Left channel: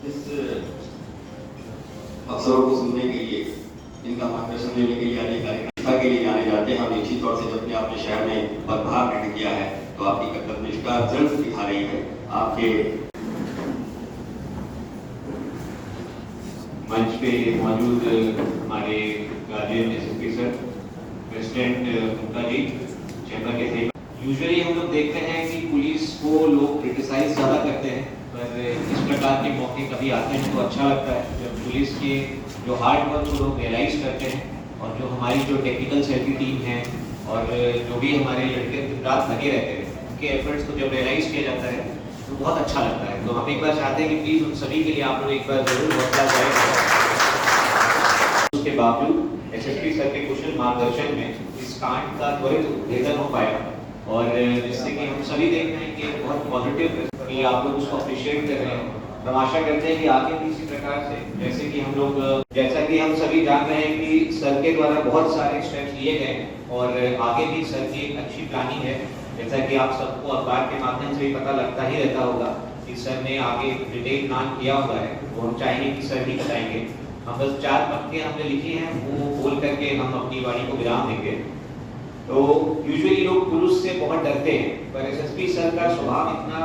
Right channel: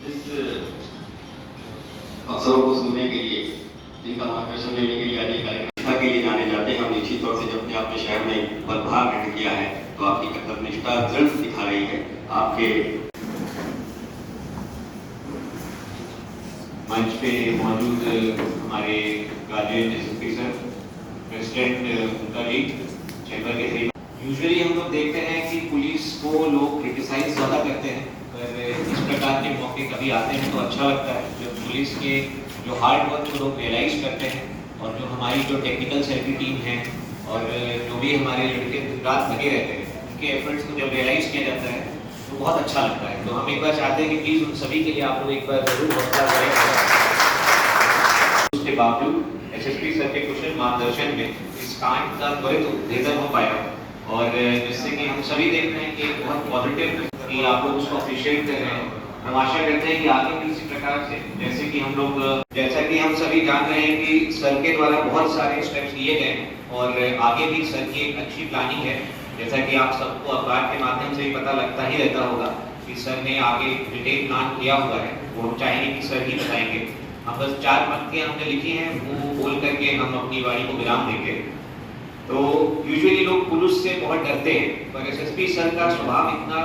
इस अवसरों को सुनने के लिए, इनका मार्गदर्शन लेने के लिए अधिकारी के लिए जाने जाते हैं और निश्चित तौर से जब अपने आपके शहर में पदभार ग्रहण किया है तो आपकी कर्तव्यनिष्ठा दृढ़ दिखा रही है। आपके मंच पे मौजूद हमारे गार्जियन एसएसपी सर, प्रेसिडेंट उनका भी चैम्बर के थे। यूजुअली हम लोग देखते हैं कि पुलिस को लोग क्रिटिसाइज ज़्यादा करते हैं, पर इस प्रकार के मौके कभी आते हैं तो अच्छा लगता है जब पुलिस के जो हार्ड वर्क को लोग रियलाइज करते हैं और जो हमारी जो टेक्निकल सेल की टीम है और जो भी हमारे लड़के रात लगे रहते हैं उनके एफर्ट्स को जब रियलाइज किया जाता है तो बहुत अच्छा लगता है। तो हम एक बार चाहते हैं कि प्लीज़ उन सभी के लिए आप लोग एक बार जरूर हौसला करें। उसके बावजूद एसएसपी सर के कुशल मार्गदर्शन में इस कांड का त्वरित उद्भेदन हो पाया और जिससे कि हम सभी देख रहे हैं कि बहुत पॉजिटिव कि आप लोग उसको अप्रिशिएट कर रहे हैं। हम आशा करते हैं कि आगे भी इसी प्रकार से, जैसे कि हम लोग, जैसा कि हम सभी जान रहे हैं कि सर के द्वारा बहुत सारे स्टेप्स लिए गए हैं और आगे भी सर की एक अच्छी प्लानिंग है। जैसा कि आप सबको अखबार के माध्यम से भी पता लगता ही रहता होगा कि सर ने आगे डिटेल प्लान किया हुआ है, वो हम चाहेंगे कि सर ही बताएंगे। हम बस 4 पंक्तियां हमने लिखी हैं, वो बोल करके हम अपनी वाणी को विराम देंगे। तो यूजुअली लोग पुलिस से बहुत डरते हैं, पर एसएसपी सर का स्वभाव इतना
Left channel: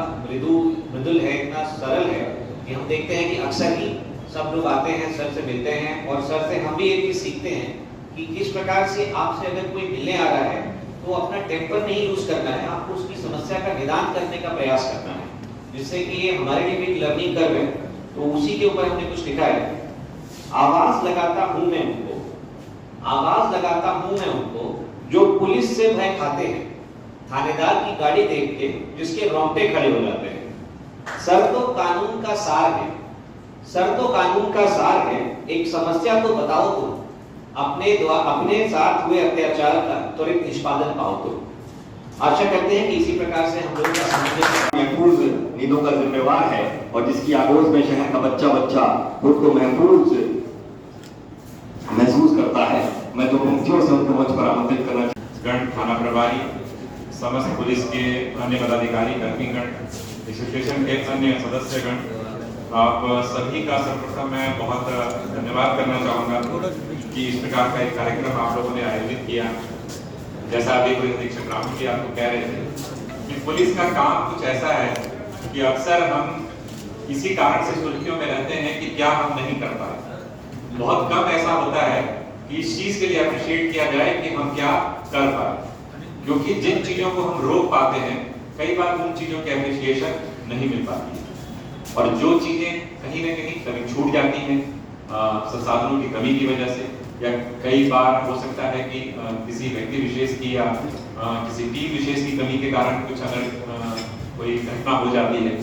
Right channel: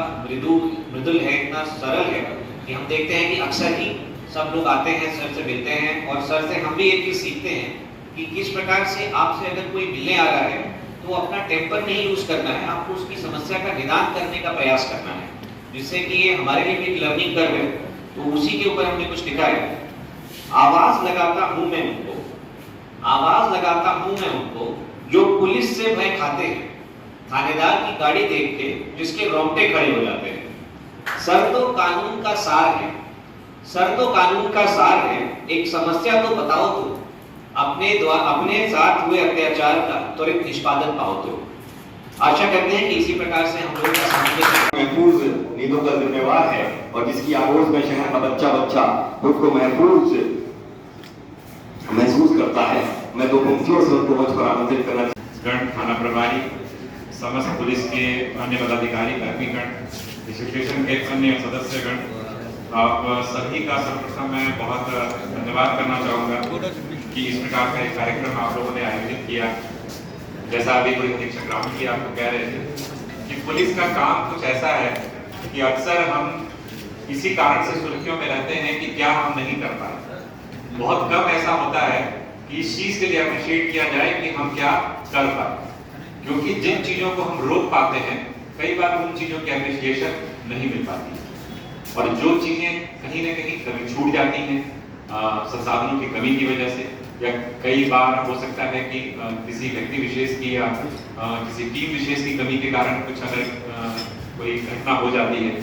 मृदुल है, इतना सरल है कि हम देखते हैं कि अक्सर ही सब लोग आते हैं, सर से मिलते हैं और सर से हम भी एक चीज सीखते हैं कि किस प्रकार से आपसे अगर कोई मिलने आ रहा है तो अपना टेम्पर नहीं लूज करना है, आपको उसकी समस्या का निदान करने का प्रयास करना है, जिससे कि ये हमारे लिए भी एक लर्निंग कर्व है। तो उसी के ऊपर हमने कुछ लिखा है। आवाज लगाता हूं मैं उनको, आवाज लगाता हूं मैं उनको जो पुलिस से भय खाते हैं, थानेदार की गाड़ी देख के जिसके रोंगटे खड़े हो जाते हैं। सर तो कानून का सार है, सर तो कानून का सार है, एक समस्या तो बताओ तुम, अपने साथ हुए अत्याचार का त्वरित निष्पादन पाओ तुम। आशा करते हैं कि इसी प्रकार से हम लोग का सामने महफूज नींदों का जिम्मेवार है और जिसकी आगोश में शहर का बच्चा बच्चा खुद को महफूज महसूस करता है। मैं तो पंक्तियों से उनको मंच पर आमंत्रित करना गण, थाना प्रभारी, समस्त पुलिस के अन्य पदाधिकारी, कर्मीगण, एसोसिएशन के अन्य सदस्यगण, आप सभी का सर्वप्रथम मैं बहुत धन्यवाद करना चाहूँगा कि इस प्रकार का एक कार्यक्रम आप लोगों ने आयोजित किया। जैसा अभी पुलिस अधीक्षक राम जी आपको कह रहे थे कि पुलिस का काम कुछ ऐसा है कि अक्सर हम इसी कारण से सुर्खियों में रहते हैं कि क्या हम नहीं कर पाए। बहुत कम ऐसा होता है कि इस चीज के लिए अप्रिशिएट किया जाए कि हम क्या कर पाए, क्योंकि जिन चीजों को हम रोक पाते हैं कई बार उन चीजों की अप्रिशिएशन नहीं मिल पाती और जो चीजें कहीं ना कहीं कभी छूट जाती हैं संसाधनों की कमी की वजह से, या कई बार हो सकता है कि किसी व्यक्ति विशेष की या किसी टीम विशेष की कमी के कारण कुछ अगर कोई घटना हो जाती है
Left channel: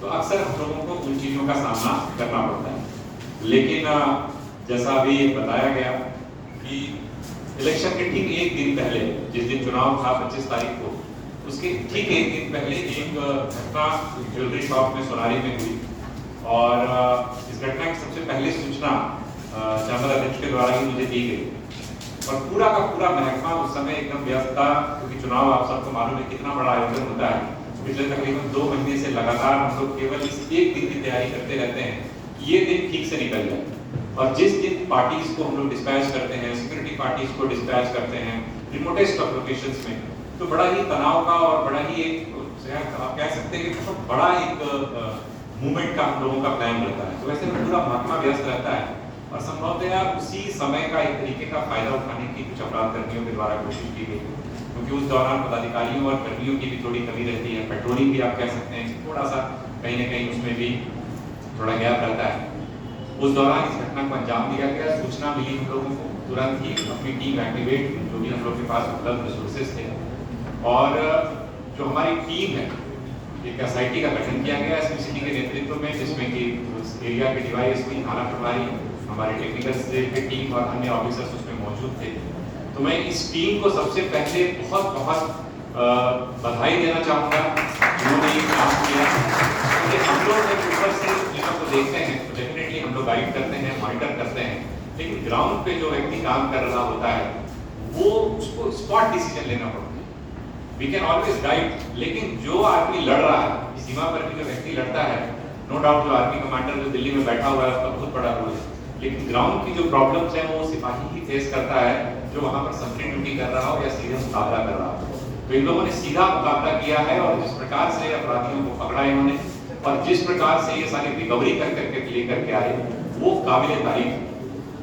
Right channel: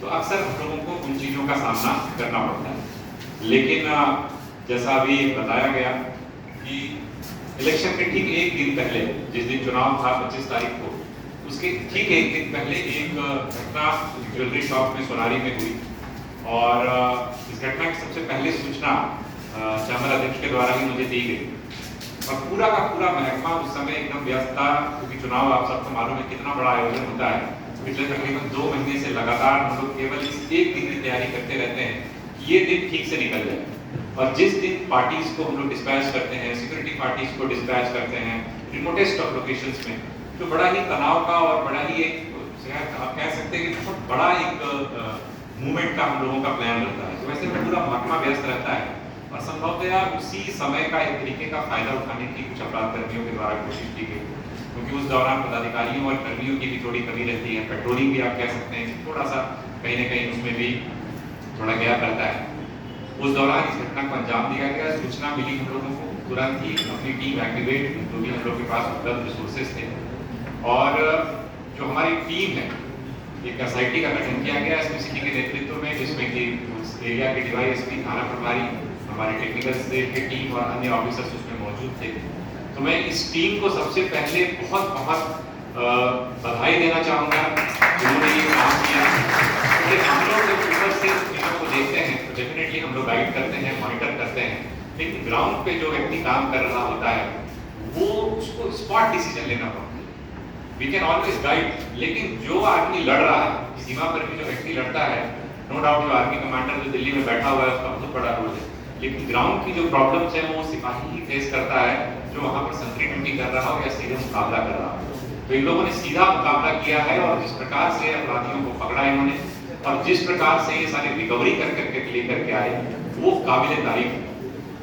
तो अक्सर हम लोगों को उन चीजों का सामना करना पड़ता है। लेकिन जैसा अभी बताया गया कि इलेक्शन के ठीक एक दिन पहले, जिस दिन चुनाव था 25 तारीख को, उसके ठीक एक दिन पहले एक घटना ज्वेलरी शॉप में सोनारी में हुई और इस घटना की सबसे पहले सूचना चैम्बर अध्यक्ष के द्वारा भी मुझे दी गई और पूरा का पूरा महकमा उस समय एकदम व्यस्त था, क्योंकि चुनाव आप सबको मालूम है कितना बड़ा आयोजन होता है। पिछले तकरीबन 2 महीने से लगातार हम लोग केवल इस एक दिन की तैयारी करते रहते हैं कि ये दिन ठीक से निकल जाए। और जिस दिन पार्टीज को हम लोग डिस्पैच करते हैं, सिक्योरिटी पार्टीज को डिस्पैच करते हैं रिमोटेस्ट ऑफ लोकेशंस में, तो बड़ा ही तनाव का और बड़ा ही एक आप कह सकते हैं कि बहुत बड़ा एक मूवमेंट का हम लोगों का प्लान रहता है। तो वैसे में पूरा महकमा व्यस्त रहता है और संभवतया उसी समय का एक तरीके का फायदा उठाने की कुछ अपराध कर्मियों के द्वारा कोशिश की गई, क्योंकि उस दौरान पदाधिकारियों और कर्मियों की भी थोड़ी कमी रहती है। पेट्रोलिंग भी आप कह सकते हैं थोड़ा सा कहीं ना कहीं उसमें भी थोड़ा गैप रहता है। उस दौरान इस घटना को अंजाम दिया गया, सूचना मिली हम लोगों को, तुरंत ही अपनी टीम एक्टिवेट, जो भी हम लोग के पास उपलब्ध रिसोर्सेज थे, और जो हमारी टीम है एक एसआईटी का गठन किया गया एसपी के नेतृत्व में, जिसमें कि एरिया के डीवाईएसपी, थाना प्रभारी, हमारे टेक्निकल सेल की टीम और अन्य ऑफिसर्स उसमें मौजूद थे। तो मैं इस टीम को सबसे पहले बहुत बहुत बधाई देना चाहूँगा जिन्होंने ये काम किया। क्योंकि हम लोग जब ऊपर से चीज़ों को देखते हैं तो डेफिनेटली हम लोग गाइड करते हैं, मॉनिटर करते हैं, लेकिन ग्राउंड पे जो व्यक्ति काम कर रहा होता है वो उसको स्पॉट डिसीजन लेना पड़ता है। वी कैन ऑलवेज गाइड, लेकिन जो आदमी लड़ रहा है, सीमा पर भी जो व्यक्ति लड़ता है, नो डाउट जो आर्मी कमांडर जो दिल्ली में बैठा हुआ है उसका बहुत बड़ा रोल है, लेकिन ग्राउंड की जो प्रॉब्लम्स है वो सिपाही ही फेस करता है जो वहाँ पर संतरी ड्यूटी कर रहा हो या सीधे मुकाबला कर रहा हो। तो इन लोगों ने सीधा मुकाबला किया है और जिस प्रकार से अपराधियों को पकड़ा इन्होंने और जिस प्रकार से ये सारी रिकवरी कर करके लेकर के आए वो काबिल तारीफ है।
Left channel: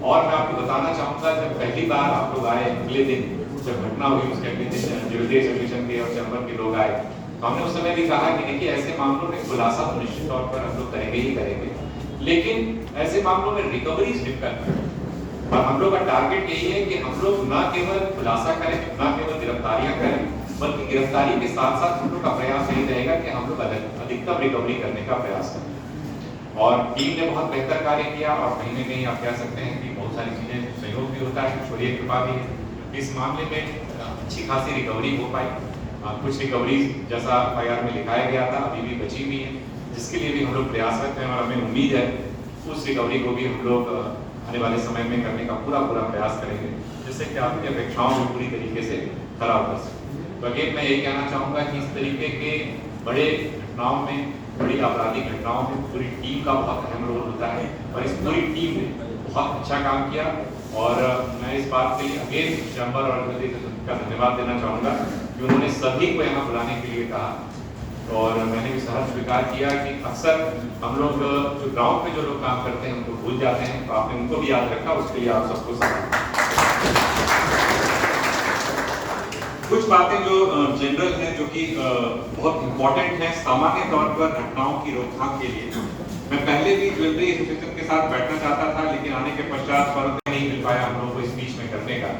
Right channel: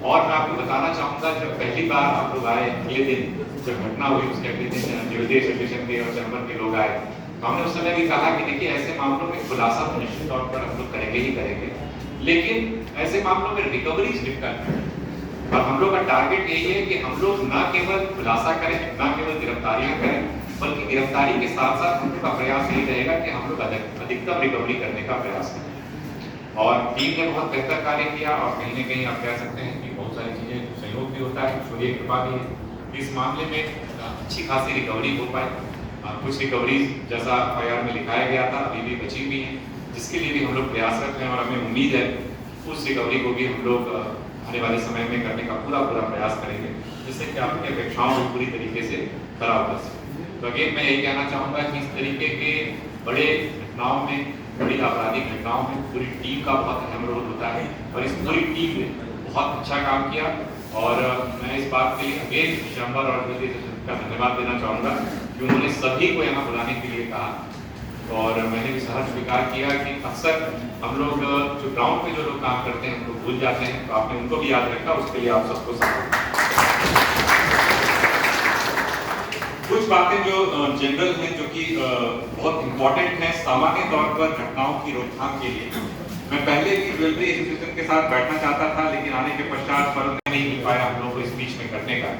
और मैं आपको बताना चाहूँगा जब पहली बार आप लोग आए अगले दिन जब घटना हुई उसके अगले दिन ज्वेलरी एसोसिएशन के और चैम्बर के लोग आए तो हमने उस समय भी कहा कि देखिए ऐसे मामलों में खुलासा तो निश्चित तौर पर हम लोग करेंगे ही करेंगे, लेकिन ऐसे मामलों में रिकवरी डिफिकल्ट है और हम लोग का टारगेट यही है कि हम लोग न केवल खुलासा करें न केवल गिरफ्तारियां करें बल्कि गिरफ्तारी के साथ साथ हम लोग का प्रयास यही रहेगा कि हम लोग अधिकतम रिकवरी करने का प्रयास करें। और टीम ने बहुत बेहतर कार्य किया और कहीं ना कहीं आप कह सकते हैं कि बहुत सारी चीजें सहयोग भी होता है, ईश्वरीय कृपा भी है। इस मामले में अच्छी खासी रिकवरी हो पाई। कुछ रिकवरीज जैसा एफआईआर में लिखाया गया था अभी भी बची हुई है जिसके लिए भी हम लोग प्रयासरत हैं और हमें उम्मीद है उस रिकवरी को भी हम लोग आने वाले समय में करने का पूरा प्रयास करेंगे जिससे कि आपकी अपेक्षाओं को पूरी तरीके से खरा उतर सके। तो अगेन मैं यही कहना चाहूँगा कि इस तरीके के बड़े घटनाओं में बड़ी आपराधिक घटनाओं में पूरी टीम का बहुत अहम रोल होता है और इस पूरी टीम ने बहुत अच्छा काम किया और मैं इस बात के लिए अगेन चैम्बर और का धन्यवाद देना चाहूँगा कि उन्होंने सभी को यहाँ बुलाने के लिए कहा और मैंने भी सहर्ष स्वीकार किया कि अक्सर हम लोग जो ग्राउंड पे जो लोग काम करते हैं उनको भूल जाते हैं, तो आपने उनको भी याद रखा, उसके लिए आप सबको कुछ बातें जो जनरल हैं जो कि बहुत इंपॉर्टेंट हैं सामान्य तौर पर घटनाओं की रोकथाम के लिए। मैं पहले भी ज्वेलरी एसोसिएशन के साथ बैठना चाहता था लेकिन आने के पश्चात फर्क नहीं मिल पाया हम लोग को इस बीच में करने का।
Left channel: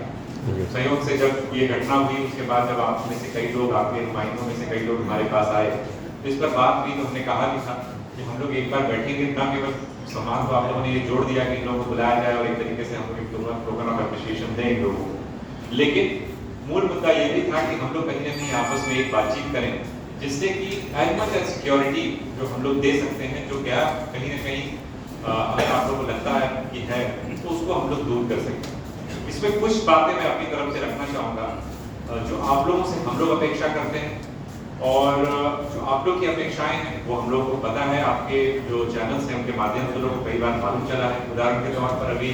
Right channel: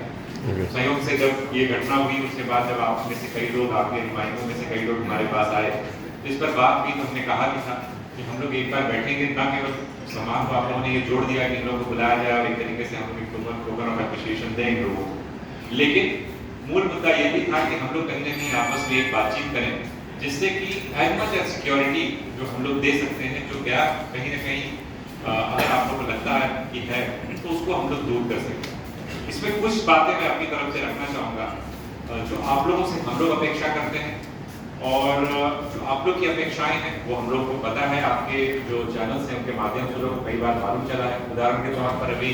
संयोग से जब ये घटना हुई उसके बाद जब आप में से कई लोग आपके नुमाइंदों में से कई लोग हमारे पास आए तो इस पर बात की तो हमने कहा भी था कि हम लोग एक बार बैठेंगे, न केवल सम्मान को आप लोगों ने ये जोड़ दिया कि इन लोगों को बुलाया जाए और एक तरीके से हम लोग एक प्रोग्राम ऑफ एप्रिसिएशन दें इन लोगों को, लेकिन मूल मुद्दा ये भी था कि हम लोग कहीं ना कहीं आपस में एक बातचीत करें जिससे कि एज मच एज सिक्योरिटी जो हम लोग दे सकते हैं जो गैप कहीं ना कहीं अगर आप लोगों को लगता है कि है तो उसको हम लोग दूर कर सकें। इसमें कुछ बातें मैं अपनी तरफ से रखना चाहूँगा जो आप लोगों से हम लोग अपेक्षा करते हैं और जो आप लोग की अपेक्षाएं हैं वो हम लोग को पता है, आपके जो चैनल्स हैं उनके माध्यम से लोगों को कई बार मालूम चला है। उदाहरण के तौर पर अभी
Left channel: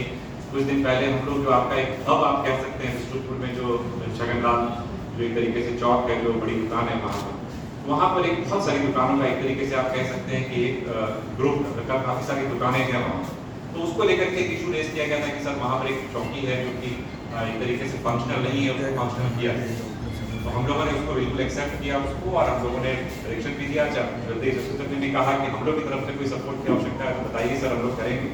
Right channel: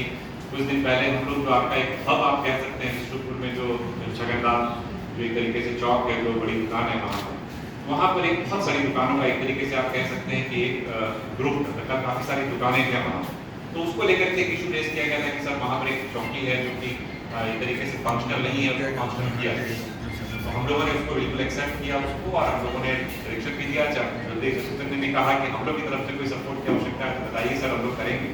कुछ दिन पहले हम लोग जो आपका एक हब आप कह सकते हैं विष्णुपुर में जो छगनलाल जो एक तरीके से चौक है जो बड़ी दुकान है वहाँ पर एक बहुत सारी दुकानों का एक तरीके से आप कह सकते हैं कि एक ग्रुप मतलब काफ़ी सारी दुकानें हैं वहाँ, तो उसको लेकर के एक इशू रेज किया गया था कि सर वहाँ पर एक चौकी है जो कि एक तरीके से फंक्शनल नहीं है, उसको फंक्शनल किया। तो हम लोगों ने उसको बिल्कुल एक्सेप्ट किया उसको और हम लोगों ने डायरेक्शन भी दिया। जल्दी एसोसिएशन ने भी कहा कि हम लोग की तरफ से कोई सपोर्ट की आवश्यकता है तो बताइए सर, हम लोग करेंगे।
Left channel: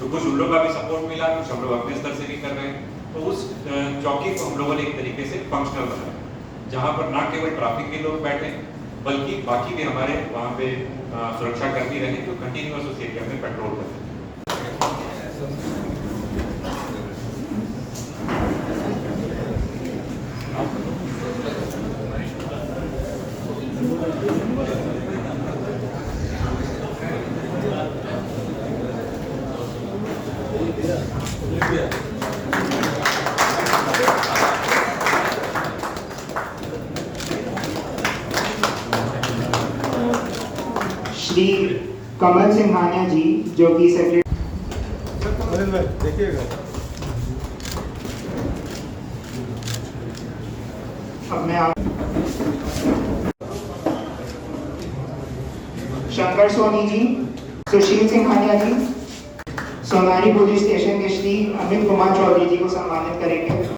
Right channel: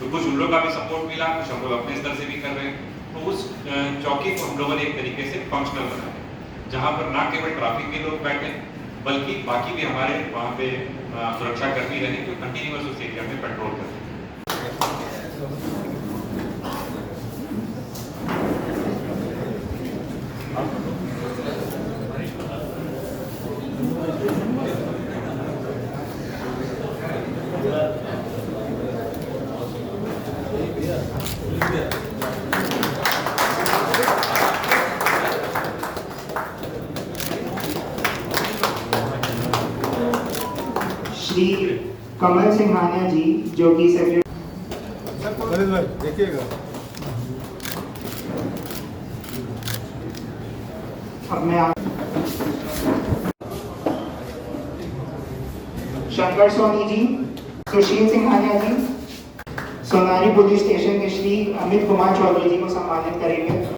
तो कुछ उन लोग का भी सपोर्ट मिला, कुछ हम लोग अपने स्तर से भी कर रहे हैं। तो उस चौकी को हम लोगों ने एक तरीके से फंक्शनल बनाया जहाँ पर ना केवल ट्रैफिक के लोग बैठे बल्कि बाकी भी हमारे वहाँ पे सुरक्षा कर्मी रहे जो कंटिन्यूअस उस एरिया में पेट्रोल करते हैं। श्री कमल सिंघानिया जी जो कि सेक्रेटरी देखिएगा शंकर सोनी जी, सुशील सिंघानिया जी, सोनारी पुलिस स्टेशन के श्री अमित कुमार चौधरी जी को सम्मानित करेंगे।